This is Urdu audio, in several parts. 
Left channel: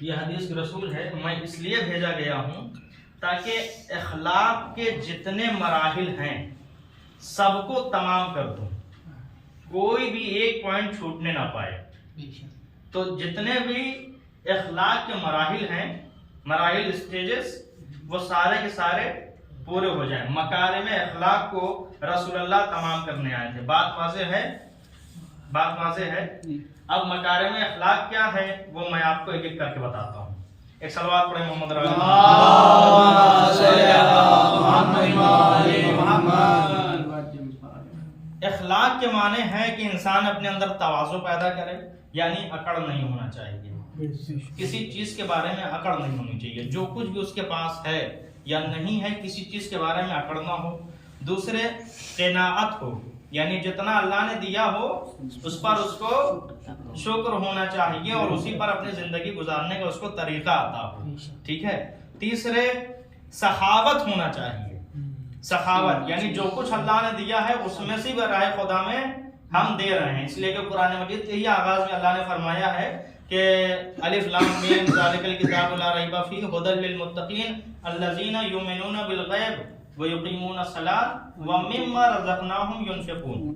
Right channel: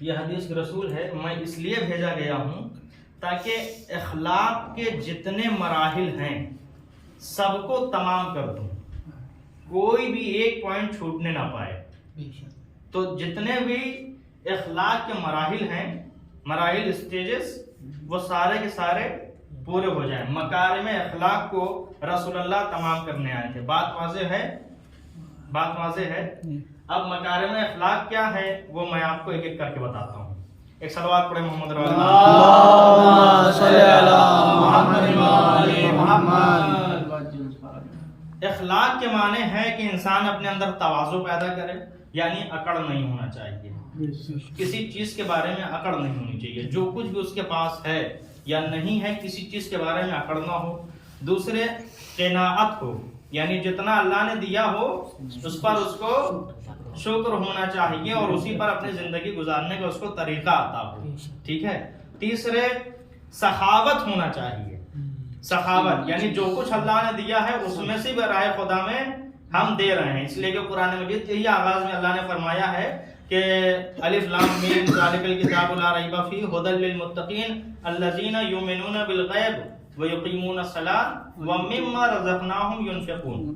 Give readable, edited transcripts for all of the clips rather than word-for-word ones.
یہ حدیث رسول ہے، میں اس لیے بھیجا گیا ہوں تاکہ اخلاق کے جتنے مراحل ہیں سب کو تمام کر دوں، کوئی بھی ایک پوائنٹ چھوٹنے نہ پائے۔ تو جتنے بھی اخلاق کے مراحل ہیں، مراحل اسٹیجز، وہ سارے کے سارے پورے ہو جائیں۔ مکارم اخلاق کو رسول اللہ تمام کرنے آئے تھے۔ بات واضح ہے؟ بات واضح ہے؟ اب مکارم اخلاق کیا ہے وہ میں آپ کو ایک ایک کر کے بتاتا ہوں۔ ایک صلوات پڑھیں محمد رسول اللہ۔ اللہم صلی علی محمد وعلی محمد۔ اخلاق کے معنی ہے کہ انسان اپنے اندر تواضع پیدا کرے، یعنی اکڑ نہیں ہونا چاہیے، کسی چیز کے بارے میں اکڑ نہیں ہونی چاہیے، جو کچھ بھی اس کے پاس ہے یا نہیں ہے کسی چیز کے بارے میں اکڑ نہ ہو۔ دوسرے قناعت ہو، یعنی جتنا اللہ نے دیا ہو اس پر اس کو شکر ہونا چاہیے اور اسی پر اپنی زندگی گزارنے کا اس کو طریقہ آتا ہو، ٹھیک ہے۔ تیسرے سخاوت ہونا چاہیے، سخاوت یعنی جو کچھ اللہ نے دیا ہے اس میں سے برائے خدا میں ہم دے رہے ہیں، اس لیے کہ قرآن مجید کے ہی آغاز میں اللہ نے فرمایا ہے کہ الف لام میم ذالک الکتاب لا ریب فیہ ھدی للمتقین الذین یؤمنون بالغیب ویقیمون الصلاۃ ومما رزقناہم ینفقون۔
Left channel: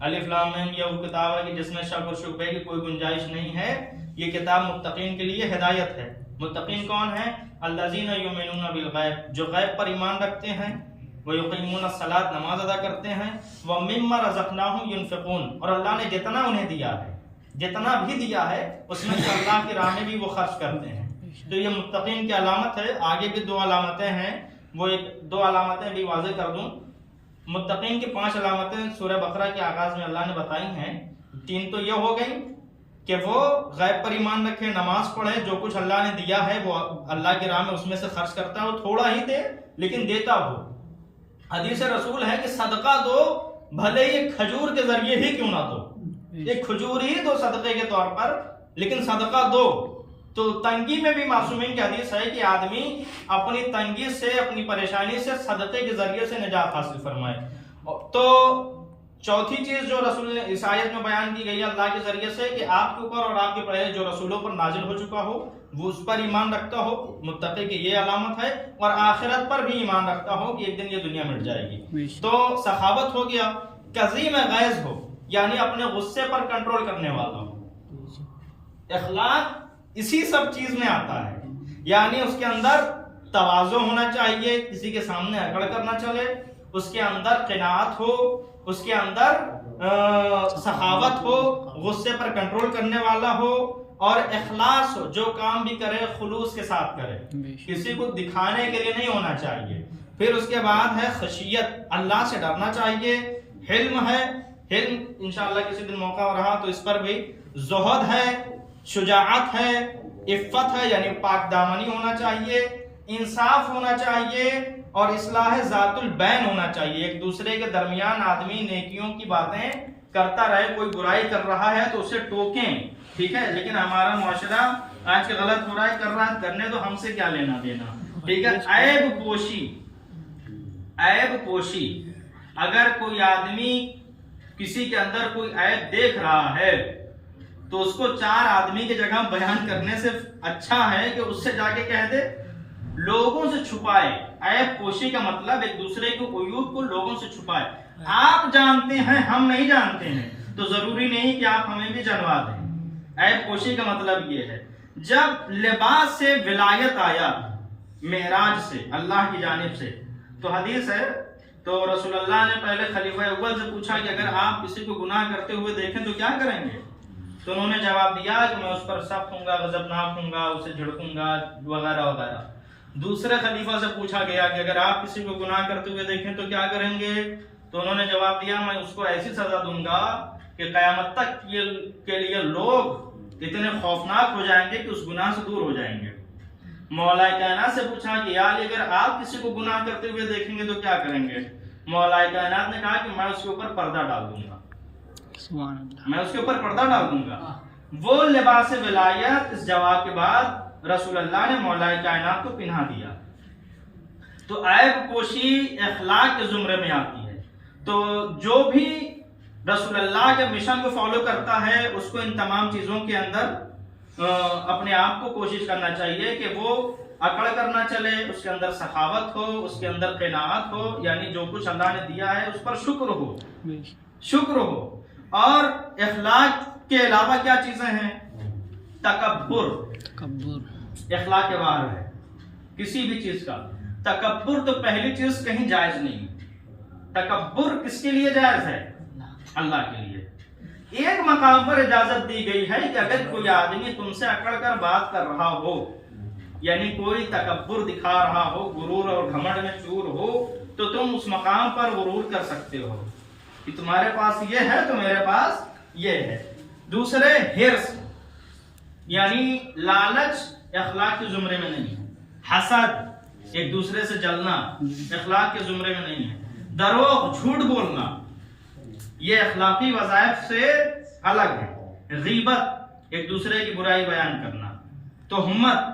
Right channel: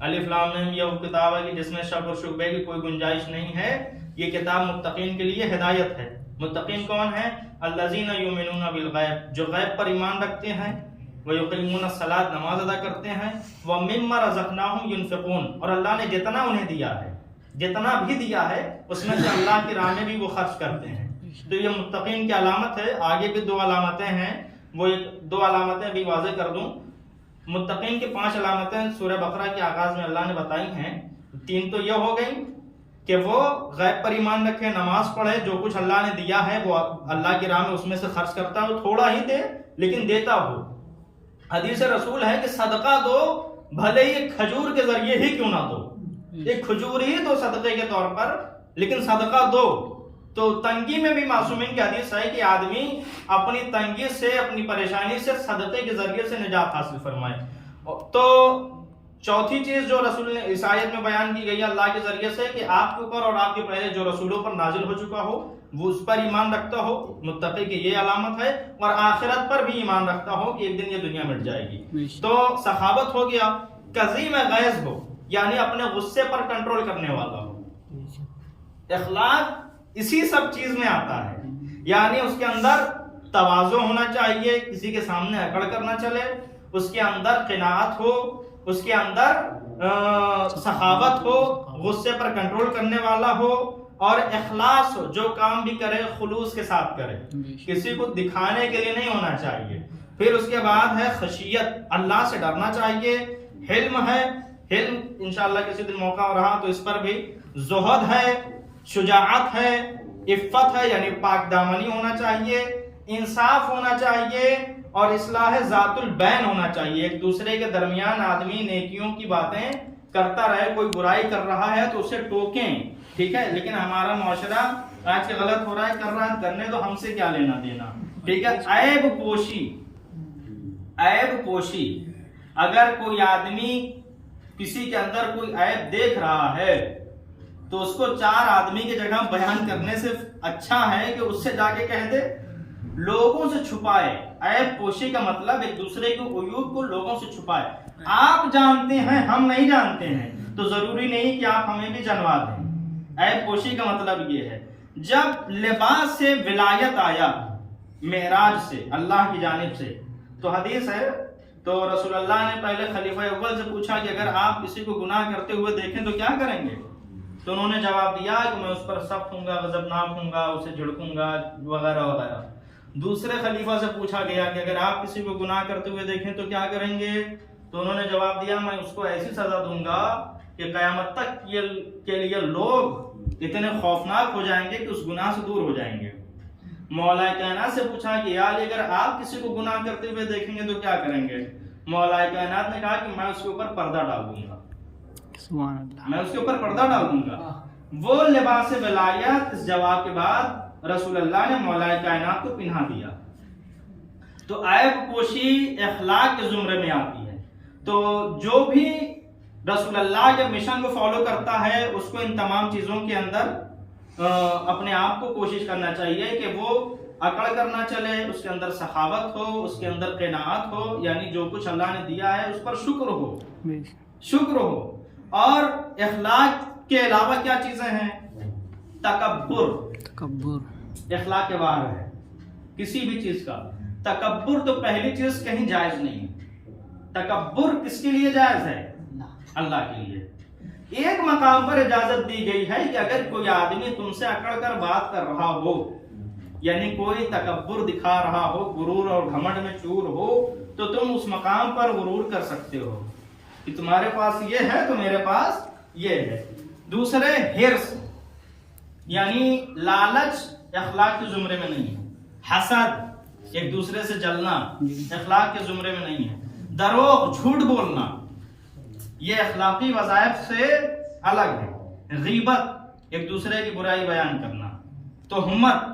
الف لام میم یہ وہ کتاب ہے کہ جس میں شک اور شبہے کی کوئی گنجائش نہیں ہے، یہ کتاب متقین کے لیے ہدایت ہے۔ متقین کون ہیں؟ الذین یؤمنون بالغیب، جو غیب پر ایمان رکھتے ہیں، ویقیمون الصلاۃ، نماز ادا کرتے ہیں، ومما رزقناہم ینفقون، اور اللہ نے جتنا انہیں دیا ہے، جتنا بھی دیا ہے اس میں سے اللہ کی راہ میں بھی وہ خرچ کرتے ہیں۔ تو یہ متقین کی علامت ہے۔ آگے بھی دو علامتیں ہیں، وہ دو علامتیں بھی واضح کر دوں۔ متقین کی 5 علامتیں سورہ بقرہ کے آغاز میں اللہ نے بتائی ہیں۔ 3 تو یہ ہو گئی کہ وہ غیب پر ایمان رکھے، نماز پڑھے، جو کچھ اللہ نے دیا ہے وہ اللہ کی راہ میں اس میں سے خرچ کرتا ہو، تھوڑا ہی دے لیکن دیتا ہو۔ حدیث رسول ہے کہ صدقہ دو، بھلے ہی کھجور کے ذریعے ہی کیوں نہ دو، ایک کھجور ہی دو صدقے کے طور پر، لیکن صدقہ دو۔ تو تنگی میں بھی معصومین کی حدیث ہے کہ آدمی اپنی تنگی سے، اپنی پریشانی سے صدقے کے ذریعے سے نجات حاصل فرمائے۔ تو چوتھی چیز جو رسول نے اس آیت میں بیان کی گئی ہے اللہ کے ذریعے سے کہ آپ کے اوپر اور آپ کے پہلے جو رسولوں پر نازل ہو چکا ہو وہ اس پر ایمان رکھتا ہو، متقی کی یہ علامت ہے، اور آخرت پر بھی ایمان رکھتا ہو کہ ایک دن یہ دنیا مٹ جائے گی۔ تو سخاوت ہو گیا، کظیم غیظ ہو یعنی اپنے غصے پر کنٹرول کرنے والا ہو۔ اخلاق اسی سب چیز میں آتا ہے، یعنی اس کے اندر تواضع ہونا چاہیے، کسی کے سامنے اکڑ کرنا چلے، اس کے اندر قناعت ہو، اس کے اندر سخاوت ہو، غصے پر کنٹرول کرنے والا ہو، اور اخلاص ہو، جو کام بھی کرے خلوص کے ساتھ کرے، کسی کو دکھانے کے لیے نہیں ہونا چاہیے۔ پھر اس کے بعد ہے خشیت، اللہ سے ڈرنا چاہیے۔ حلم ہے، حلم انشاءاللہ کسی دن موقع رہا تو اس پر بھی۔ زہد ہے، شجاعت ہے، عفت ہے یعنی پاک دامنی ہونا چاہیے، انصاف ہونا چاہیے، اور اصلاح ذات البین ہونا چاہیے۔ ایک دوسرے کے درمیان آدمی نیکیوں کی باتیں کرتا رہے، کوئی برائی کر رہا ہے تو اسے ٹوکیں، ٹھیک ہے، لیکن ہمارا معاشرہ آج کے غلط ہو رہا ہے، کر رہا ہے، کرنے تو ہم سے کیا لینا دینا، ٹھیک ہے۔ عیب پوشی، عیب پوشی، اگر کوئی آدمی کسی کے اندر کوئی عیب دیکھ رہا ہے تو اس کو 4 آدمی کی جگہ بیان کرنے سے اچھا ہے کہ اس سے جا کے کہہ دے، لوگوں سے چھپائے۔ عیب پوشی کا مطلب ایک دوسرے کے عیوب کو لوگوں سے چھپائے۔ آپ جانتے ہیں، ہم نہیں جانتے ہیں، تو ضروری نہیں کہ آپ ہمیں بھی جنوا دیں۔ عیب پوشی کا مطلب یہ ہے۔ جب لباس سے ولایت آیا معراج سے اللہ کی جانب سے، تو حدیث ہے، تو رسول اللہ نے پہلے خلیفہ اول سے پوچھا کہ اگر آپ کسی کو گناہ کرتے ہوئے دیکھیں تو کیا کریں گے؟ تو انہوں نے جواب دیا کہ میں اس پر سخت ہوں گا، غضبناک ہوں گا، اسے جھڑکوں گا، وغیرہ وغیرہ۔ دوسرے خلیفہ سے پوچھا گیا کہ اگر آپ کسی کو گناہ کرتے ہوئے دیکھیں تو کیا کریں گے؟ تو انہوں نے جواب دیا میں اس کو ایسی سزا دوں گا کہ قیامت تک کے لیے لوگ اتنے خوفناک ہو جائیں گے کہ اس گناہ سے دور ہو جائیں گے۔ مولا کائنات سے پوچھا کہ یا علی اگر آپ کسی کو گناہ کرتے ہوئے دیکھیں گے تو کیا کریں گے؟ مولا کائنات نے کہا کہ میں اس کے اوپر پردہ ڈال دوں گا، سبحان اللہ، میں اس کے اوپر پردہ ڈال دوں گا۔ وہ لباس ولایت اس جواب کے بعد رسول اللہ نے مولا کائنات کو پہنا دیا۔ تو عیب پوشی اخلاق کے زمرے میں آتی ہے۔ تو جو بھی رسول اللہ کے مشن کو فالو کرتا ہے اس کو ان تمام چیزوں کے اندر اپنے آپ کو کوشش کرنا چاہیے کہ وہ عقل کرنا چلے، اس کے اندر سخاوت ہو، اس کے اندر قناعت ہو، یعنی جو کچھ اللہ نے دیا ہے اس پر شکر ہو، شکر ہو۔ اور اخلاق کے علاوہ کیا چیزیں ہیں؟ تکبر، اخلاق کے باہر ہے کسی بھی چیز کا تکبر۔ تو پہلی چیز کہیں جائز نہیں، تکبر کس کے لیے جائز ہے؟ اللہ کے لیے۔ ایک مقام پر اجازت دی گئی ہے کہ اگر کوئی آدمی تم سے اکڑ کر بات کر رہا ہو، یعنی کوئی تکبر دکھا رہا ہو، غرور اور گھمنڈ میں چور ہو، تو تم اس مقام پر غرور کر سکتے ہو کہ تمہارے پاس یہ ہے تو میرے پاس یہ ہے۔ دوسرے ہرس، یعنی لالچ اخلاق کے زمرے میں نہیں ہے۔ حسد، ایک دوسرے سے جلنا، اخلاق کے زمرے میں نہیں ہے۔ دروغ، جھوٹ بولنا، یہ اخلاقی وظائف سے الگ ہے۔ غیبت، ایک دوسرے کی برائی بیان کرنا۔ تہمت،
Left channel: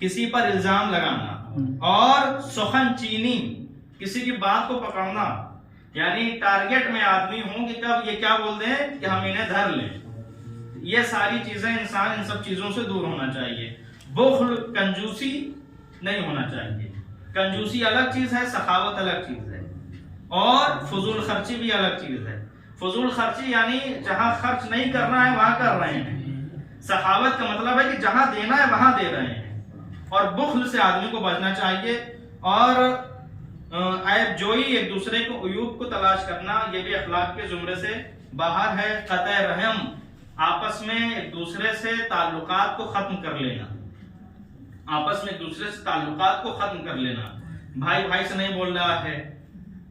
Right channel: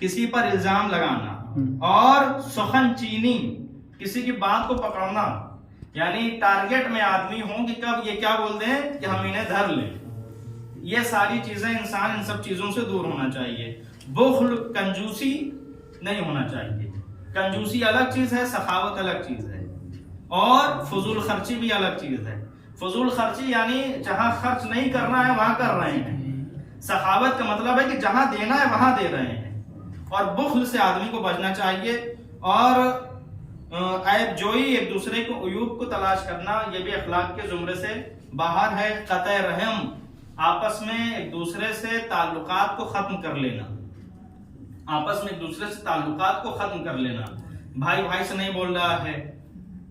کسی پر الزام لگانا۔ اور سخن چینی، کسی کی بات کو پکڑنا، یعنی ٹارگٹ میں آدمی ہوں کہ کب یہ کیا بولتے ہیں کہ ہم انہیں دھر لیں۔ یہ ساری چیزیں، انسان ان سب چیزوں سے دور ہونا چاہیے۔ بخل، کنجوسی نہیں ہونا چاہیے۔ کنجوسی الگ چیز ہے، سخاوت الگ چیز ہے، اور فضول خرچی بھی الگ چیز ہے۔ فضول خرچی یعنی جہاں خرچ نہیں کرنا ہے وہاں کر رہے ہیں۔ سخاوت کا مطلب ہے کہ جہاں دینا ہے وہاں دے رہے ہیں۔ اور بخل سے آدمی کو بچنا چاہیے۔ اور عیب جوئی، ایک دوسرے کو عیوب کو تلاش کرنا، یہ بھی اخلاق کے زمرے سے باہر ہے۔ قطع رحم، آپس میں ایک دوسرے سے تعلقات کو ختم کر لینا، آپس میں ایک دوسرے سے تعلقات کو ختم کر لینا۔ بھائی بھائی سے نہیں بول رہا ہے،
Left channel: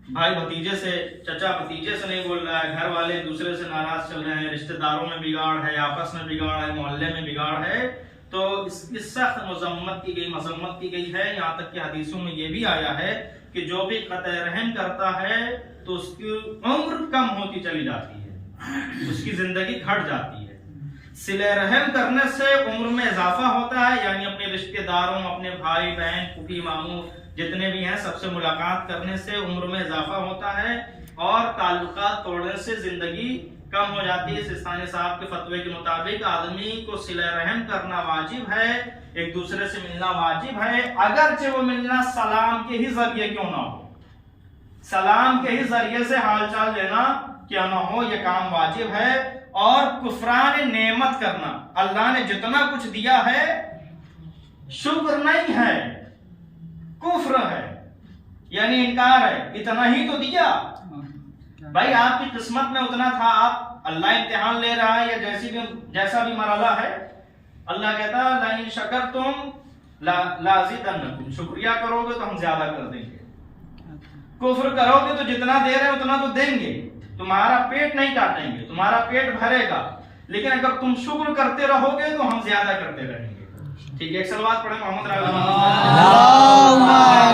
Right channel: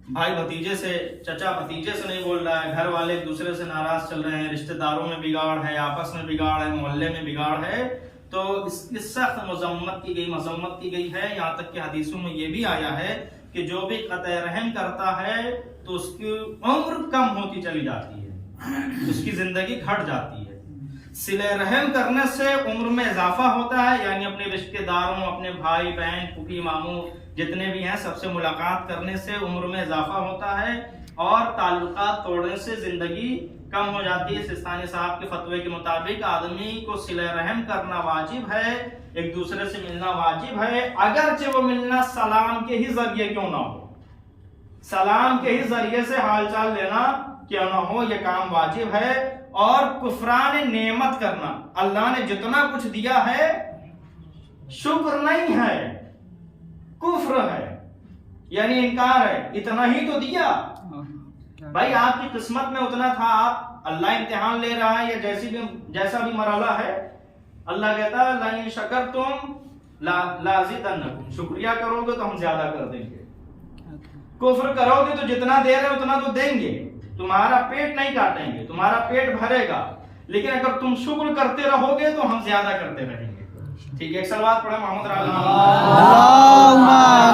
بھائی بھتیجے سے، چچا بھتیجے سے نہیں بول رہا ہے، گھر والے ایک دوسرے سے ناراض چل رہے ہیں، رشتہ داروں میں بگاڑ ہے، آپس میں بگاڑ ہے، محلے میں بگاڑ ہے، تو اس کی سخت مذمت کی گئی ہے۔ یہاں تک کہ حدیثوں میں یہ بھی آیا ہے کہ جو بھی قطع رحم کرتا ہے تو اس کی عمر کم ہوتی چلی جاتی ہے، اس کی زندگی گھٹ جاتی ہے۔ صلہ رحم کرنے سے عمر میں اضافہ ہوتا ہے، یعنی اپنے رشتہ داروں، اپنے بھائی بہن، پھوپھی ماموں جتنے بھی ہیں سب سے ملاقات کرنے سے عمر میں اضافہ ہوتا ہے، اور تعلقات توڑنے سے زندگی کم ہو جاتی ہے۔ سستانی صاحب کے فتوے کے مطابق آدمی کو صلہ رحم کرنا واجب ہے، ایک دوسرے سے ملنا واجب ہے، اگرچہ وہ ملنا سلام کے ہی ذریعے کیوں نہ ہو، سلام کے ہی ذریعے سے حال چال لینا کیوں نہ ہو، یہ کام واجب ہے۔ اور کفران نعمت کرنا، اللہ نے جتنا کچھ دیا ہے شکر نہیں ہے، کفر ہے، یعنی انکار ہے۔ اتنا ہی تو دیا بھائی، آپ کی قسمت میں اتنا تھا، آپ اللہ امتحان لے رہا ہے، یا جیسا بھی مرحلہ ہے، اللہ کہتا ہے لئن شکرتم لازیدنکم، شکریہ کرو گے تو ہم زیادہ کر دیں گے، کفر کرو گے تو جتنا دے رہے اتنا تو دیں گے، تمہارا پیٹ نہیں کاٹیں گے، تمہارا پیٹ بھرے گا، لیکن اگر تم شکر کرتے رہو گے تو ہم زیادہ کرتے رہیں گے۔ ٹھیک ہے، ایک سلوات پڑھیں محمد اللہم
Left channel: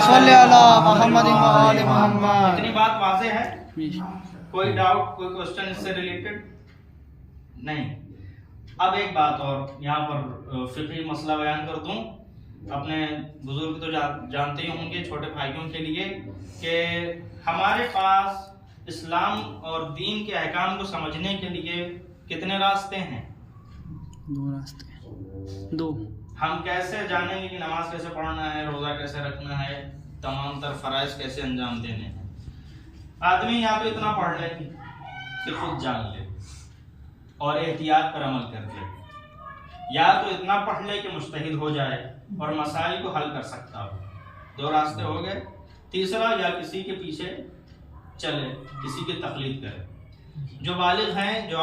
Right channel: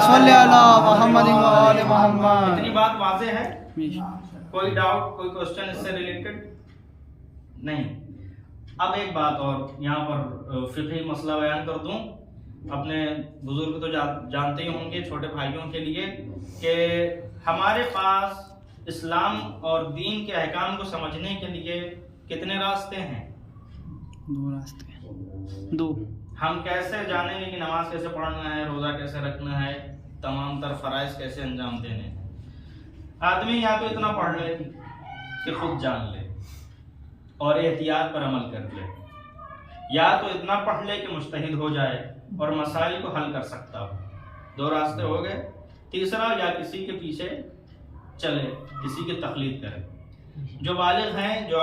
صلی علی محمد و آل محمد۔ اتنی بات واضح ہے؟ کوئی ڈاؤٹ، کوئی کوسچن اس سے ریلیٹڈ؟ نہیں۔ اب ایک بات اور یہاں پر فقہی مسئلہ بیان کر دوں، اپنے بزرگ تو جانتے ہی ہوں گے، چھوٹے بھائیوں کے لیے، کہ ہمارے پاس اسلام اور دین کے احکام کو سمجھنے کے لیے کتنے راستے ہیں؟ 2 راستے ہیں، 2۔ ہم کیسے جانیں گے کہ نماز کیسے پڑھنا ہے، روزہ کیسے رکھنا ہے، تمام تر فرائض کیسے انجام دینے ہیں؟ آدمی یا تو اتنا پڑھ لے کہ خود جان لے اور احتیاط پر عمل کر لے، یا تو اتنا پڑھ لے کہ مجتہد ہو جائے اور مسائل کو حل کر سکتا ہو۔ 2 راستے ہو گئے۔ تیسرا، یا کسی کے پیچھے چلے، کسی کی تقلید کرے۔ جو بالغ ہیں، جو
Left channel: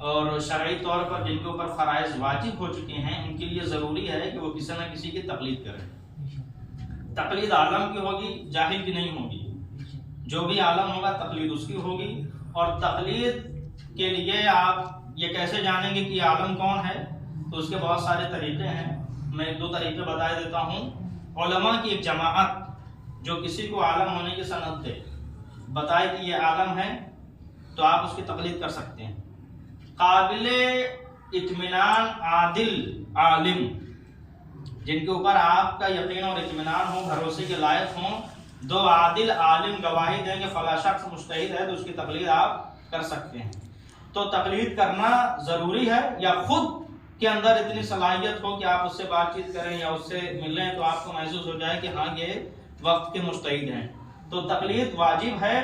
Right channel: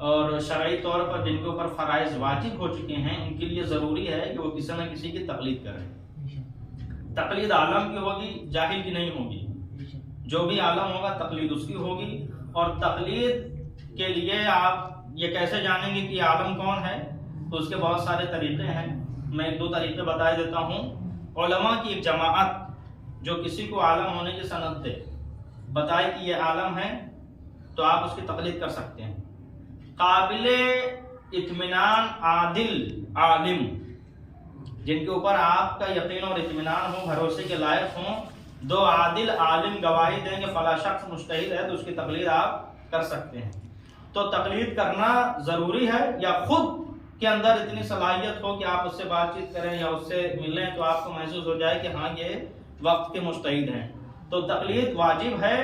اور شرعی طور پر جن کے اوپر فرائض واجب ہو چکے ہیں، ان کے لیے ضروری ہے کہ وہ کسی نہ کسی کی تقلید کریں۔ تقلید عالم کی ہوگی، جاہل کی نہیں ہوگی۔ جو بھی عالم ہوگا تقلید اس کی ہوگی۔ اور تقلید کے لیے آپ یہ کیسے جانیں گے کہ عالم کون ہے؟ تو اس کے بہت سارے طریقے ہیں، میں 1-2 طریقے بتا دیتا ہوں۔ علماء کی ایک جماعت جو کسی کو عالم ہونے کی سند دے، بتائے کہ یہ عالم ہے، تو آپ اس کی تقلید کر سکتے ہیں۔ قابل اطمینان عادل عالم، جن کے اوپر آپ کا یقین اور اطمینان ہو، بھروسے کے لائق ہوں، 2 عادل عالم گواہی دیں گے فلاں شخص مجتہد ہے، تو اس کی تقلید آپ کر سکتے ہیں۔ تو تقلید کرنا ضروری ہے، یا خود کے اندر اتنی صلاحیت ہو کہ آپ اس سے بات چیت کریں یا اس سے ملیں تو آپ کو محسوس ہو جائے کہ ہاں یہ وقت کے مجتہد ہیں، تو تقلید واجب ہے.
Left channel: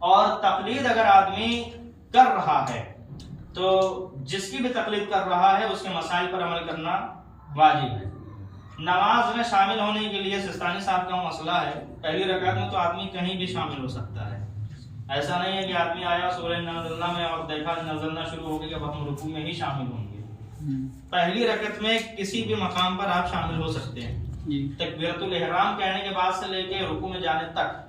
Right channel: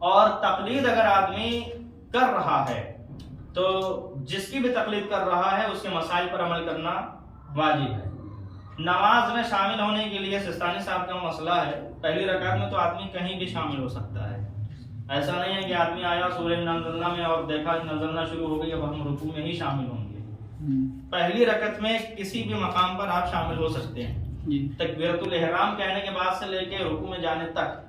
اور تقلید اگر آدمی کر رہا ہے تو جس کی بھی تقلید کر رہا ہے اس کے مسائل پر عمل کرنا واجب ہے. نماز میں شامل ہونے کے لیے سستانی صاحب کا مسئلہ ہے، پہلی رکعت میں تو آدمی کہیں بھی شامل ہو سکتا ہے. ایسا نہیں ہے کہ آدمی آیا سورہ نزلنا میں اور دیکھا نزلنا شروع ہو گئی اب ہم رکوع میں ہی شامل ہوں گے. پہلی رکعت میں کسی بھی مقام پر آپ شامل ہو سکتے ہیں تکبیرۃ الاحرام کہنے کے بعد سے لے کے رکوع میں جانے تک.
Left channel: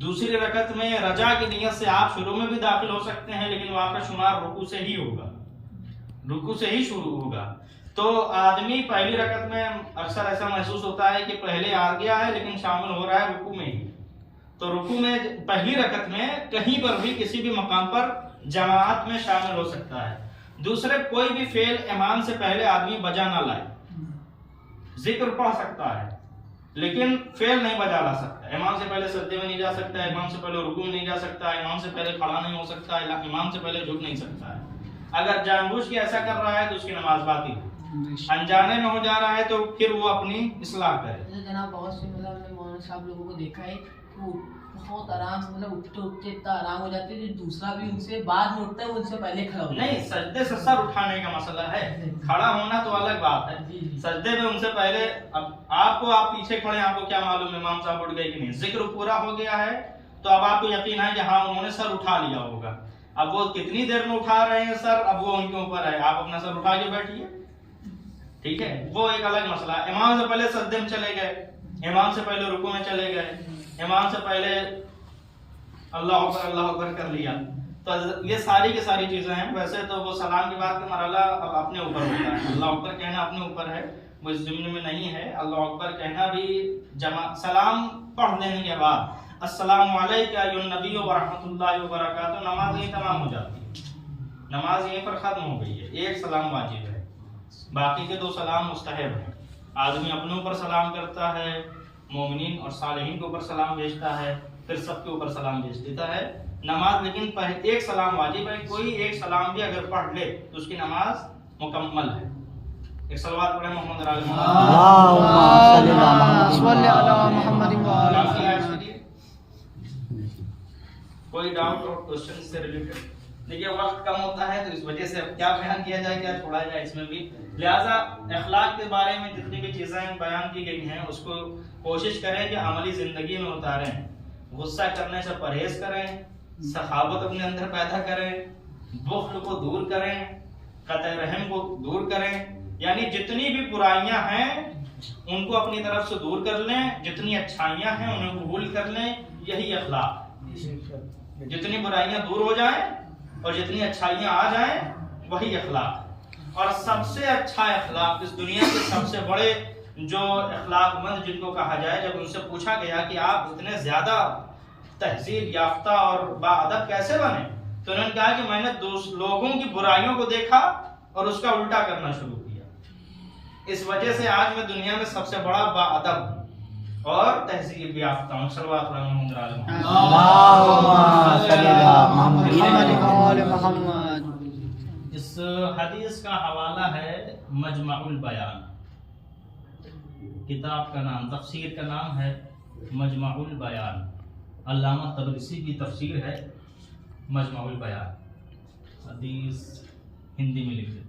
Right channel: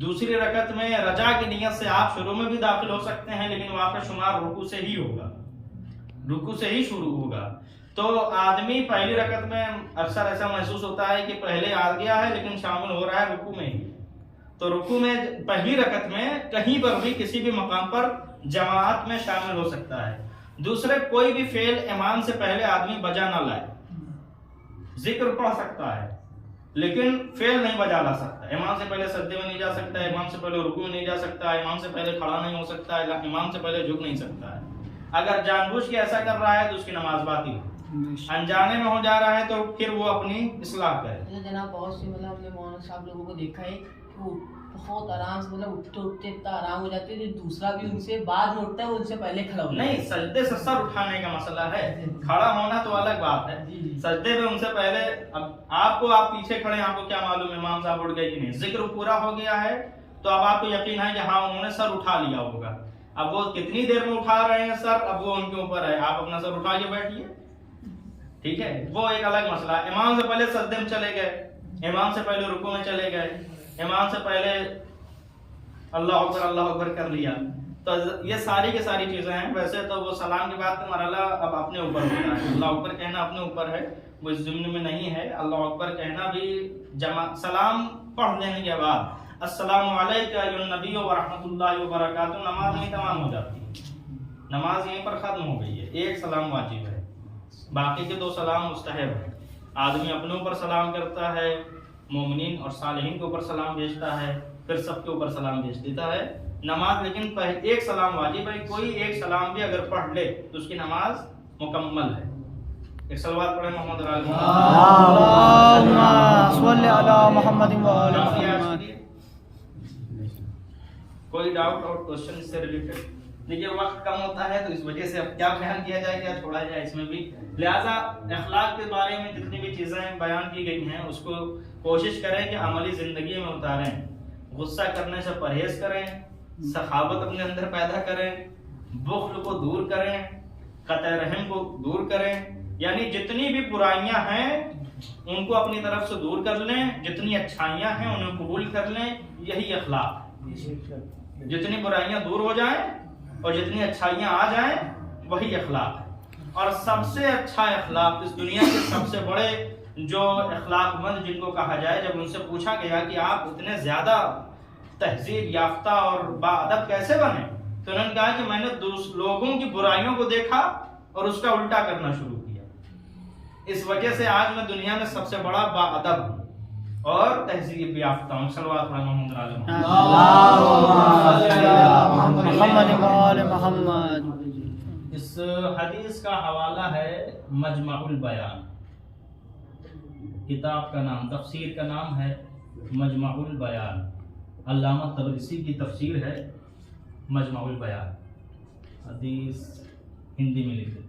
دوسری رکعت میں رجا کی نیت سے آپ شروع میں بھی داخل ہو سکتے ہیں لیکن وہاں پہ شمار رکوع سے ہی ہوگا، رکوع سے ہی شروع ہوگا. تو آدمی پہلی رکعت میں اکثر ایسا محسوس ہوتا ہے کہ پہلے آ گیا ہے لیکن شامل ہو رہا ہے رکوع میں ہی. تو رکوع میں پہلی رکعت میں کہیں پر بھی کسی بھی مقام پر جماعت میں شامل ہو سکتا ہے. دوسرے کوئی بھی فعل امام سے پہلے آدمی بجا نہ لائے. ذکر پڑھ سکتا ہے لیکن فعل نہیں بجا لا سکتا. امام سے پہلے سجدے میں نہیں جا سکتا ہے، امام سے پہلے رکوع میں نہیں جا سکتا ہے، امام سے پہلے کھڑا نہیں ہو سکتا ہے، امام سے پہلے جھک نہیں سکتا ہے. اگر جان بوجھ کے ایسا کر رہا ہے تو اس کی نماز باطل ہے. انجانے میں ہو جا رہا ہے تو پھر وہ اپنی اصلاح کرے. جناب بہت سے ہم نے مولانا صاحب لوگوں کو دیکھا ہے کہ وہ بہت آرام سے اٹھتے اٹھتے اتنا آرام ہو جاتے ہیں، دوسرا بھی ان سے بعد میں اٹھتا ہے ان سے پہلے کھڑا ہو. نہیں، سجدے سے سر اٹھانے کا مسئلہ ہے، کھڑا ہونا تو الگ بات ہے. سجدے میں ان سے پہلے اب آپ پیچھے کھڑے ہیں، آپ کو کیا معلوم امام صاحب اٹھ گئے کہ نہیں. ذکر پورا ہو گیا ہے تو اب آپ کو یقین ہے کہ ہاں انہوں نے سر اٹھا لیا ہوگا. اب وہ کتنی دیر میں اٹھا رہے ہیں سر اب وہ ان کے اوپر ہے، آپ اپنا سر اٹھا کے بیٹھیے. ٹھیک ہے، وہ ایک الگ مسئلہ ہے. امام سے پہلے سجدے میں چلے گئے، امام سے پہلے رکوع میں چلے گئے، امام سے پہلے اللہ اکبر کر لیا، تو یہ ساری کی ساری چیزیں ہیں. ویسے تو وہ سلام کے بعد کا مرحلہ اب اپنے اوپر ہوتا ہے. اللہ اکبر کہنا اپنے اوپر ہے، وہ اس ضمن میں نہیں ہے. اللہ اکبر کہنا بھی سلام پڑھ لینے کے بعد السلام علیکم ایھا النبی ورحمۃ اللہ وبرکاتہ، نماز یہیں تمام ہو جاتی ہے. نماز یہیں پر ختم ہو گئی ہے. ایک سلام واجب ہے، باقی کے 2 سلام مستحب ہیں. آدمی اپنے اوپر سلام کرتا ہے، مومنین اور صالحین کے اوپر سلام بھیجتا ہے، پھر سب کے اوپر سلام بھیج دیتا ہے. نماز لیکن ایک سلام واجب ہے. کوئی ایک سلام بھی اگر پڑھ لے تو اس کی نماز مکمل ہے. ایک صلوات پڑھیں محمد علی محمد وعلی محمد. کوئی ڈاؤٹ اور کوشچن اس سے ریلیٹڈ؟ دیکھیے وقت کم ہوتا ہے تو اس وجہ سے اب کیا بیان کیا جائے، کیا چھوڑا جائے اس میں بھی. لہٰذا اخلاق کے بارے میں جتنی بھی چیزیں بیان کی گئی ہیں اس کو کوشش کریں کہ عملی زندگی میں اتاریں. غصہ کرنے سے پرہیز کریں، سخاوت اپنے اندر پیدا کریں، بخل کو دور کریں، قطع رحم کو دور کریں. یعنی جتنی بھی برائیاں ہیں ان کو اپنی طرف سے دور کر لیں، جتنی اچھائیاں ہیں انہیں قبول کر لیں. یہی اخلاق. جتنی برائیاں دور ہو جائیں اور جتنی اچھائیاں آ جائیں وہی اخلاق ہے. اور سب سے اچھا اخلاق اس دنیا کے سب سے بڑے جو اخلاق مند جن کو کہا جائے، جب ان سے پوچھا گیا کہ آپ اتنے زیادہ تہذیب یافتہ اور باادب کیسے بنے، تو انہوں نے کہا کہ میں نے لوگوں کی برائیوں کو دیکھا اور اس کا الٹا کرنا شروع کیا. اس وجہ سے آج میں دنیا میں سب سے بڑا باادب ہوں اور تہذیب یافتہ ہوں. صلوات محمد وعلی محمد. اس حدیث کا حوالہ ہے مجمع البیان. کتاب کا نام، تفسیر کا نام ہے مجمع البیان. علامہ طبرسی کی تفسیر ہے مجمع البیان. حدیث ہندی میں لکھ دیتے ہیں.